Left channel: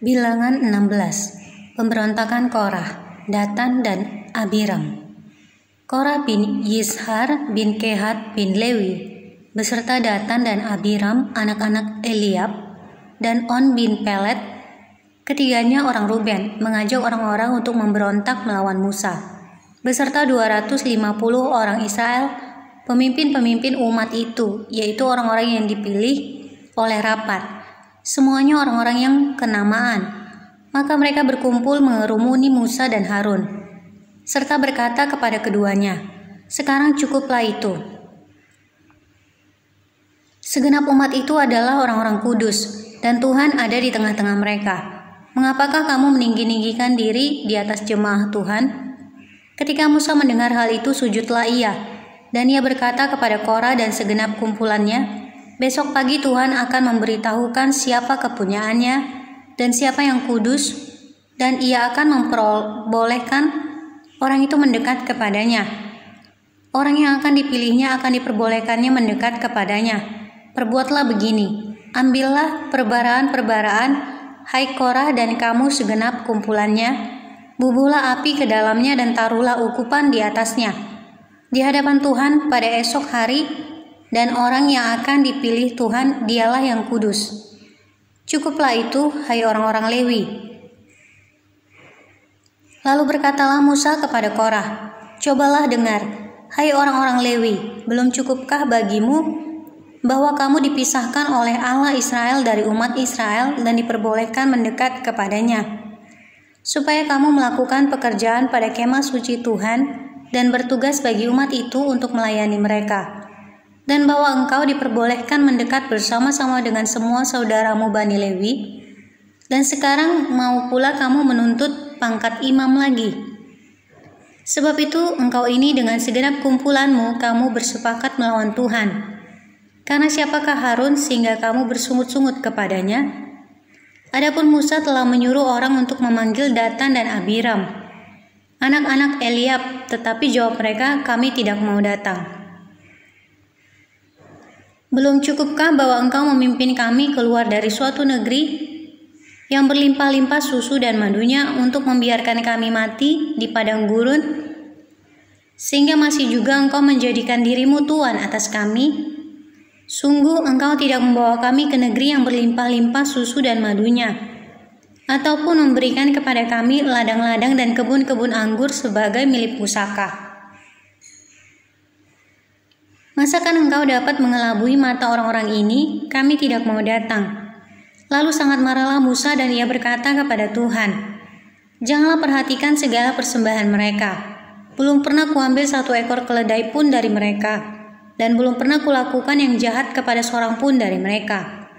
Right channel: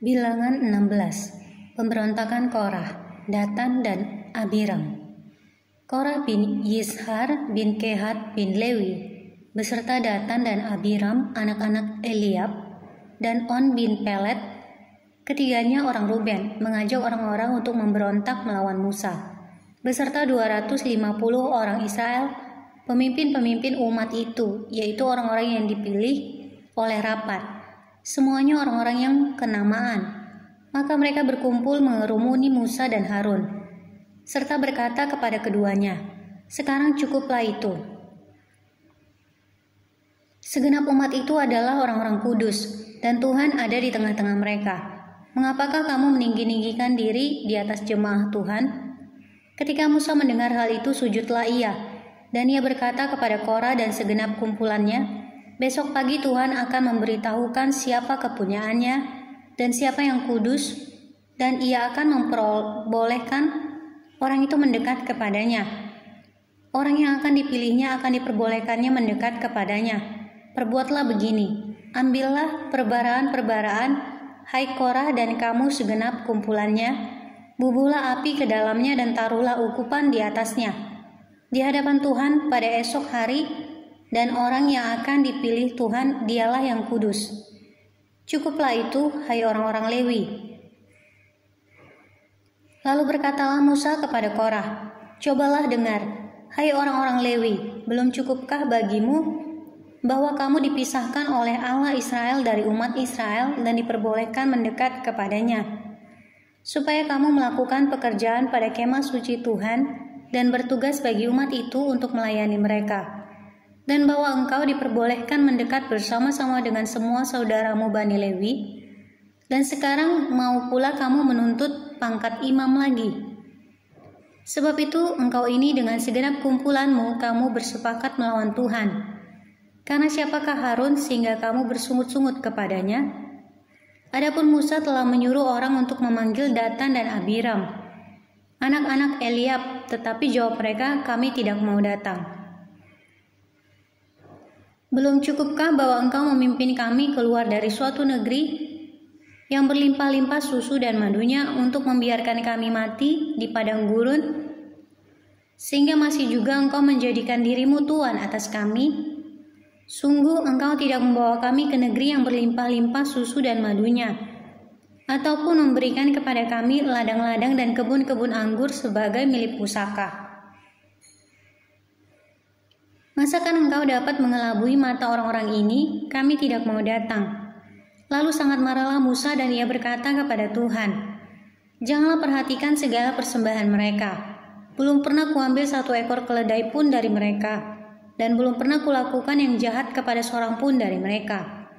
Bilangan 16. Pemberontakan Korah, Datan dan Abiram. Korah bin Yishar bin Kehat bin Lewi beserta Datan dan Abiram anak-anak Eliab dan On bin Pelet, ketiganya orang Ruben, mengajak orang-orang untuk memberontak melawan Musa beserta 250 orang Israel, pemimpin-pemimpin umat itu, yaitu orang-orang yang dipilih oleh rapat, semuanya orang-orang yang kenamaan. Maka mereka berkumpul mengerumuni Musa dan Harun, serta berkata kepada keduanya, "Sekarang cukuplah itu. Segenap umat itu adalah orang-orang kudus, dan Tuhan ada di tengah-tengah mereka. Mengapakah kamu meninggi-ninggikan diri di atas jemaah Tuhan?" Ketika Musa mendengar hal itu, sujudlah ia, dan ia berkata kepada Korah dan segenap kumpulannya, "Besok pagi Tuhan akan memberitahukan siapa kepunyaannya dan siapa yang kudus, dan ia akan memperbolehkan orang itu mendekat kepadanya. Orang yang akan dipilihnya akan diperbolehkannya mendekat kepadanya. Perbuatlah begini, ambillah perbaraan-perbaraan, hai Korah dan kamu segenap kumpulannya, bubuhlah api ke dalamnya dan taruhlah ukupan di atasnya di hadapan Tuhan pada esok hari, dan orang yang akan dipilih Tuhan dialah yang kudus. Cukuplah itu, hai orang-orang Lewi." Lalu berkatalah Musa kepada Korah, "Cobalah dengar, hai orang-orang Lewi, belum cukupkah bagimu bahwa kamu dipisahkan oleh Allah Israel dari umat Israel dan diperbolehkan mendekat kepadanya, supaya kamu melakukan pekerjaan pada kemah suci Tuhan dan bertugas bagi umat itu untuk melayani mereka, dan bahwa engkau diperbolehkan mendekat bersama-sama dengan semua saudaramu Bani Lewi, dan sekarang mau pula kamu menuntut pangkat imam lagi. Sebab itu engkau ini dengan segenap kumpulanmu kamu bersepakat melawan Tuhan. Karena siapakah Harun sehingga kamu bersungut-sungut kepadanya?" Adapun Musa telah menyuruh orang untuk memanggil Datan dan Abiram, anak-anak Eliab, tetapi jawab mereka, "Kami tidak mau datang." "Belum cukupkah bahwa engkau memimpin kami keluar dari suatu negeri yang berlimpah-limpah susu dan madunya untuk membiarkan kami mati di padang gurun, sehingga masih juga engkau menjadikan dirimu tuan atas kami? Sungguh engkau tidak membawa kami ke negeri yang berlimpah-limpah susu dan madunya, ataupun memberikan kepada kami ladang-ladang dan kebun-kebun anggur sebagai milik pusaka. Masakan engkau dapat mengelabui mata orang-orang ini? Kami tidak mau datang." Lalu sangat marahlah Musa dan ia berkata kepada Tuhan, "Janganlah perhatikan segala persembahan mereka. Belum pernah kuambil satu ekor keledai pun dari mereka, dan belum pernah kulakukan yang jahat kepada seorang pun dari mereka."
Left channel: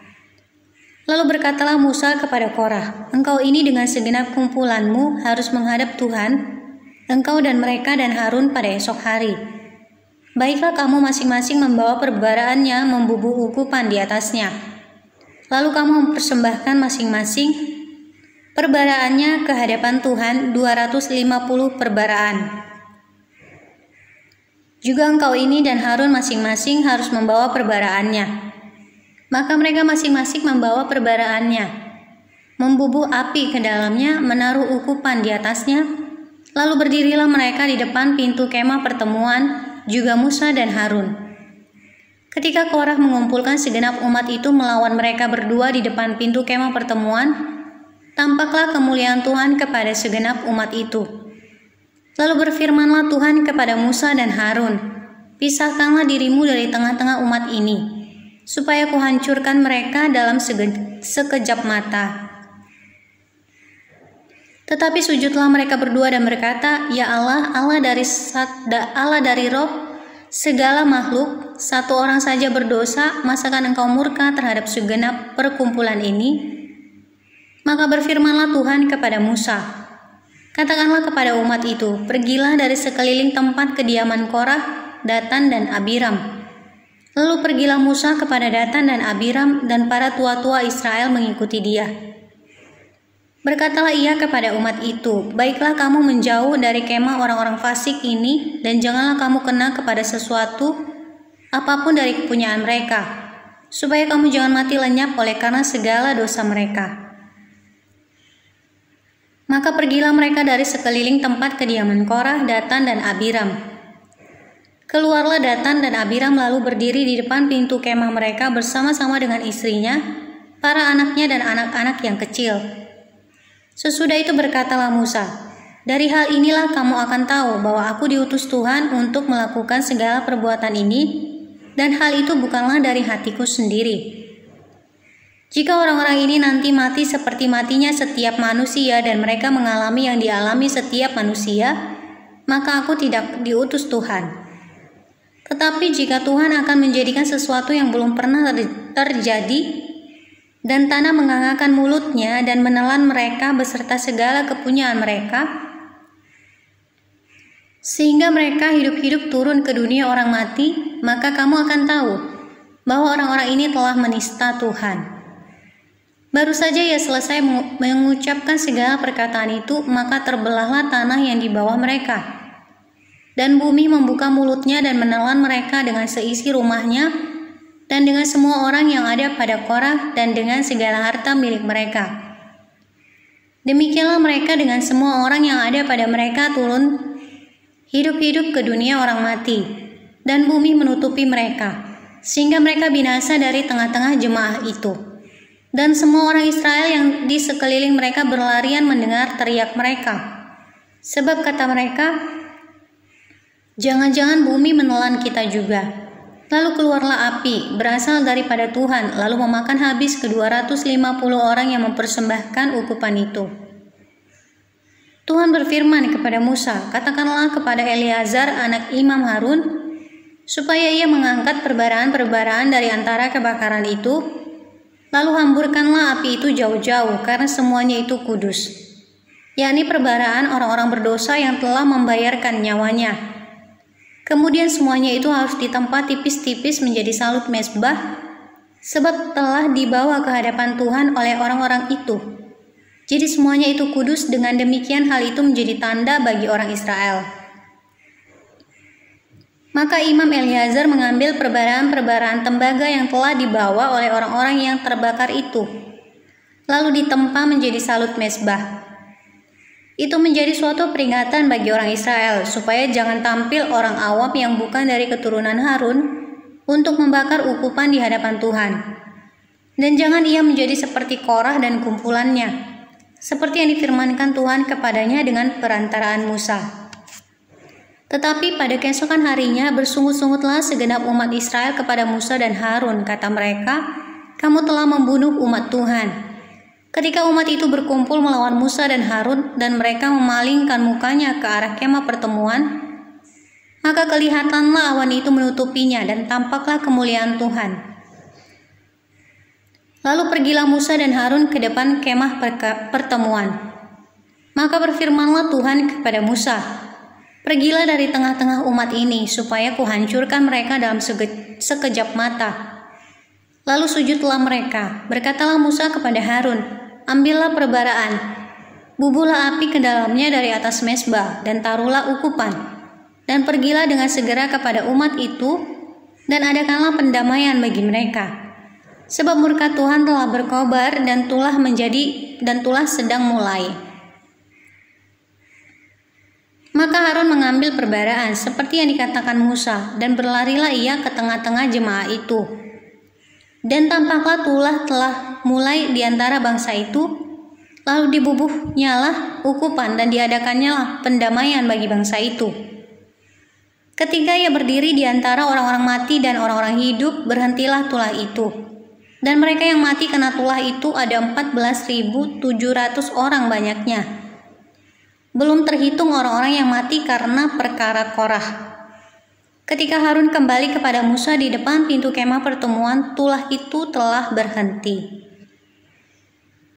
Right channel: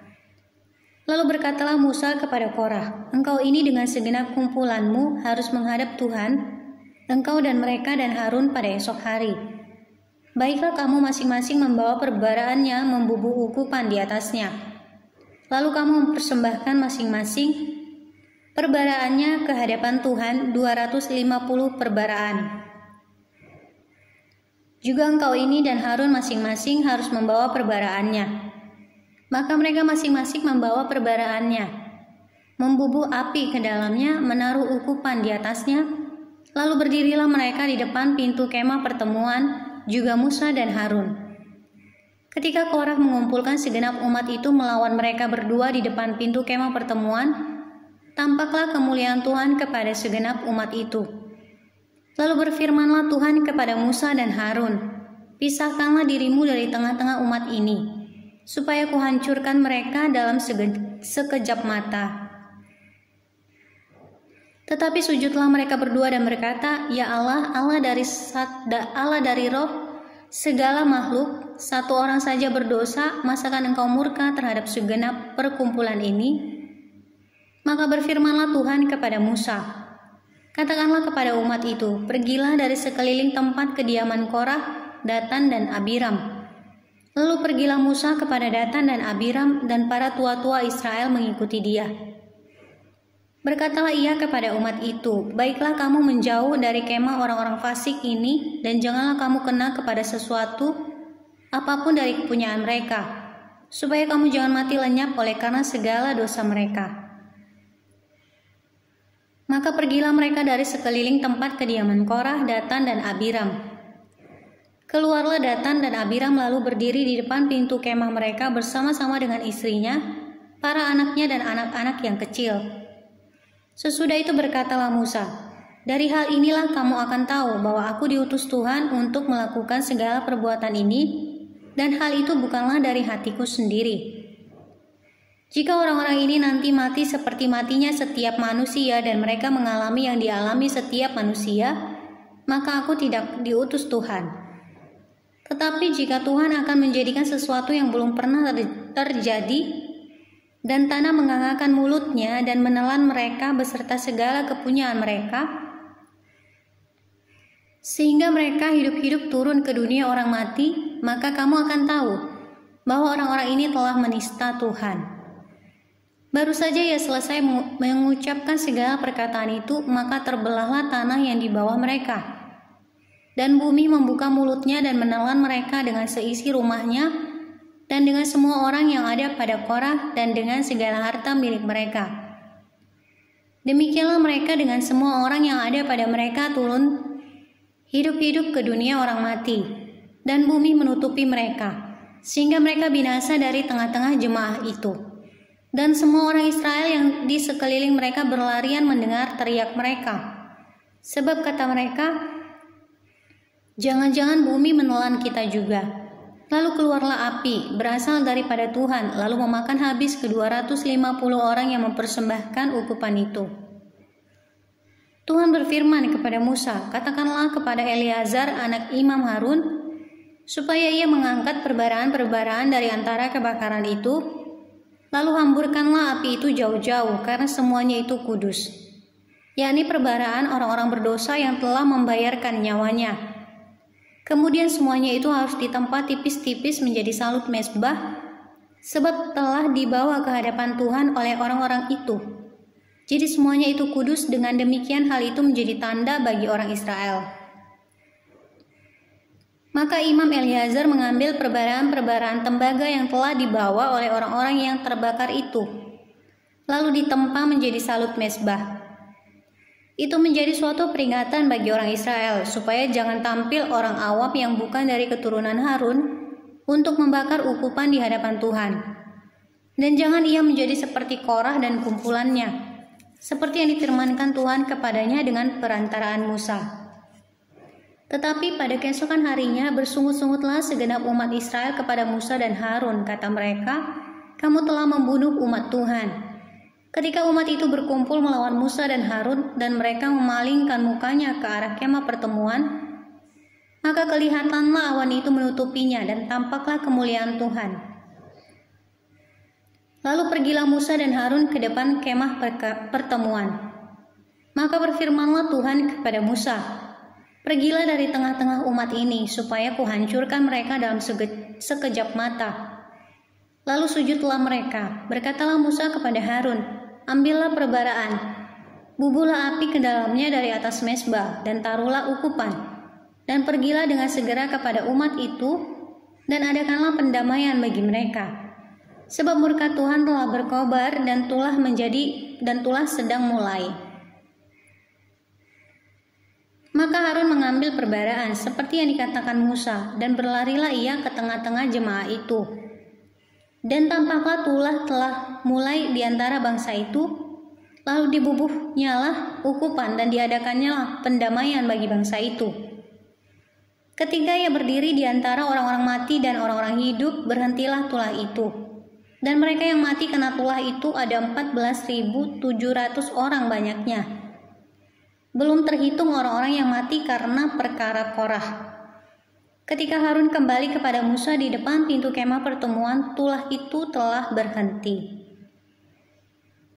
Lalu berkatalah Musa kepada Korah, "Engkau ini dengan segenap kumpulanmu harus menghadap Tuhan, engkau dan mereka dan Harun pada esok hari. Baiklah kamu masing-masing membawa perbaraannya membubuh ukupan di atasnya. Lalu kamu mempersembahkan masing-masing perbaraannya ke hadapan Tuhan 250 perbaraan. Juga engkau ini dan Harun masing-masing harus membawa perbaraannya." Maka mereka masing-masing membawa perbaraannya, membubuh api ke dalamnya, menaruh ukupan di atasnya. Lalu berdirilah mereka di depan pintu kemah pertemuan, juga Musa dan Harun. Ketika Korah mengumpulkan segenap umat itu melawan mereka berdua di depan pintu kemah pertemuan, tampaklah kemuliaan Tuhan kepada segenap umat itu. Lalu berfirmanlah Tuhan kepada Musa dan Harun, "Pisahkanlah dirimu dari tengah-tengah umat ini, supaya kuhancurkan mereka dalam sekejap mata." Tetapi sujudlah mereka berdua dan berkata, "Ya Allah, Allah dari roh segala makhluk, satu orang saja berdosa, masakan engkau murka terhadap segenap perkumpulan ini?" Maka berfirmanlah Tuhan kepada Musa, "Katakanlah kepada umat itu, pergilah dari sekeliling tempat kediaman Korah, Datan dan Abiram." Lalu pergilah Musa kepada Datan dan Abiram, dan para tua-tua Israel mengikuti dia. Berkatalah ia kepada umat itu, "Baiklah kamu menjauh dari kemah orang-orang fasik ini, dan janganlah kamu kena kepada sesuatu apapun dari kepunyaan mereka, supaya kamu jangan mati lenyap oleh karena segala dosa mereka." Maka pergilah mereka dari sekeliling tempat kediaman Korah, Datan, dan Abiram. Keluarlah Datan dan Abiram lalu berdiri di depan pintu kemah mereka bersama-sama dengan istrinya, para anaknya dan anak-anak yang kecil. Sesudah itu berkatalah Musa, "Dari hal inilah kamu akan tahu bahwa aku diutus Tuhan untuk melakukan segala perbuatan ini, dan hal itu bukanlah dari hatiku sendiri. Jika orang-orang ini nanti mati seperti matinya setiap manusia dan mereka mengalami yang dialami setiap manusia, maka aku tidak diutus Tuhan. Tetapi jika Tuhan akan menjadikan sesuatu yang belum pernah terjadi, dan tanah menganggarkan mulutnya dan menelan mereka beserta segala kepunyaan mereka, sehingga mereka hidup-hidup turun ke dunia orang mati, maka kamu akan tahu bahwa orang-orang ini telah menista Tuhan." Baru saja ia selesai mengucapkan segala perkataan itu, maka terbelahlah tanah yang di bawah mereka. Dan bumi membuka mulutnya dan menelan mereka dengan seisi rumahnya, dan dengan semua orang yang ada pada Korah, dan dengan segala harta milik mereka. Demikianlah mereka dengan semua orang yang ada pada mereka turun hidup-hidup ke dunia orang mati, dan bumi menutupi mereka, sehingga mereka binasa dari tengah-tengah jemaah itu. Dan semua orang Israel yang di sekeliling mereka berlarian mendengar teriak mereka. Sebab kata mereka, "Jangan-jangan bumi menelan kita juga." Lalu keluarlah api berasal daripada Tuhan, lalu memakan habis ke-250 orang yang mempersembahkan ukupan itu. Tuhan berfirman kepada Musa, "Katakanlah kepada Eleazar anak Imam Harun, supaya ia mengangkat perbaraan-perbaraan dari antara kebakaran itu, lalu hamburkanlah api itu jauh-jauh, karena semuanya itu kudus, yakni perbaraan orang-orang berdosa yang telah membayarkan nyawanya. Kemudian semuanya itu harus ditempa tipis-tipis menjadi salut mezbah, sebab telah dibawa ke hadapan Tuhan oleh orang-orang itu. Jadi semuanya itu kudus, dengan demikian hal itu menjadi tanda bagi orang Israel." Maka Imam Eleazar mengambil perbaraan-perbaraan tembaga yang telah dibawa oleh orang-orang yang terbakar itu, lalu ditempa menjadi salut mezbah. Itu menjadi suatu peringatan bagi orang Israel, supaya jangan tampil orang awam yang bukan dari keturunan Harun untuk membakar ukupan di hadapan Tuhan. Dan jangan ia menjadi seperti Korah dan kumpulannya, seperti yang difirmankan Tuhan kepadanya dengan perantaraan Musa. Tetapi pada keesokan harinya bersungut-sungutlah segenap umat Israel kepada Musa dan Harun. Kata mereka, "Kamu telah membunuh umat Tuhan." Ketika umat itu berkumpul melawan Musa dan Harun, dan mereka memalingkan mukanya ke arah kemah pertemuan, maka kelihatanlah awan itu menutupinya dan tampaklah kemuliaan Tuhan. Lalu pergilah Musa dan Harun ke depan kemah pertemuan. Maka berfirmanlah Tuhan kepada Musa, "Pergilah dari tengah-tengah umat ini, supaya kuhancurkan mereka dalam sekejap mata." Lalu sujudlah mereka. Berkatalah Musa kepada Harun, "Ambillah perbaraan, bubuhlah api ke dalamnya dari atas mezbah, dan taruhlah ukupan, dan pergilah dengan segera kepada umat itu, dan adakanlah pendamaian bagi mereka. Sebab murka Tuhan telah berkobar, dan tulah sedang mulai." Maka Harun mengambil perbaraan seperti yang dikatakan Musa, dan berlarilah ia ke tengah-tengah jemaah itu. Dan tampaklah tulah telah mulai di antara bangsa itu, lalu dibubuhnyalah ukupan dan diadakannya pendamaian bagi bangsa itu. Ketika ia berdiri di antara orang-orang mati dan orang-orang hidup, berhentilah tulah itu. Dan mereka yang mati kena tulah itu ada 14.700 orang banyaknya. Belum terhitung orang-orang yang mati karena perkara Korah. Ketika Harun kembali kepada Musa di depan pintu kemah pertemuan, tulah itu telah berhenti.